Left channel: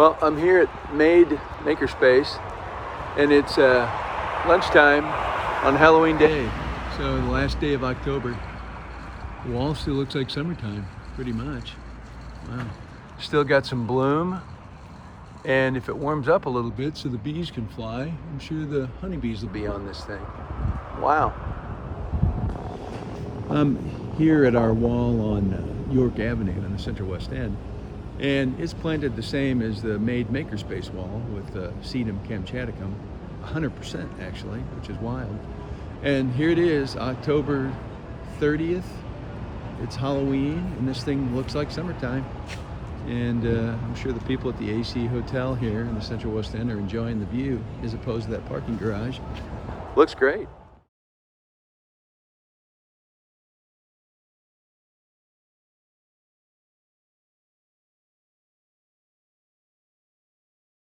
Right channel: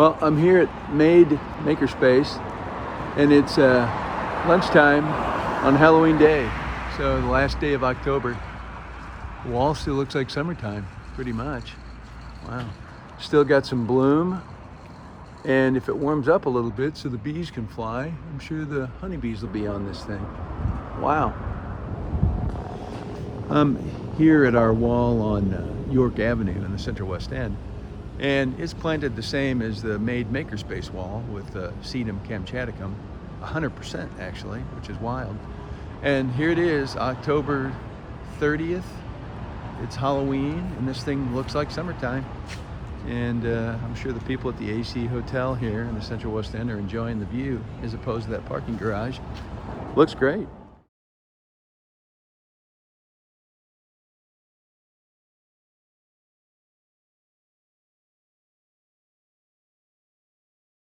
Well, I'm here at Makerspace, and it's lunchtime on Halloween Day, so the last day of October. The wall still looks like summertime, pretty much. Wow. Still got some bloom, and if it warms up a little bit so the bees can fly, I'm sure the honeybees will be on this thing. Wow. I'm here at our wall on York Avenue in the Central West End, and it's planted the same as the Makerspace wall with Sedum kamchaticum, 100% actually, which is wild. And here it is, October 30th. It's Halloween, and this thing looks like summertime. And I'm sure the people at the AC Hotel here in the Central West End are enjoying the view as opposed to that parking garage. Looks great.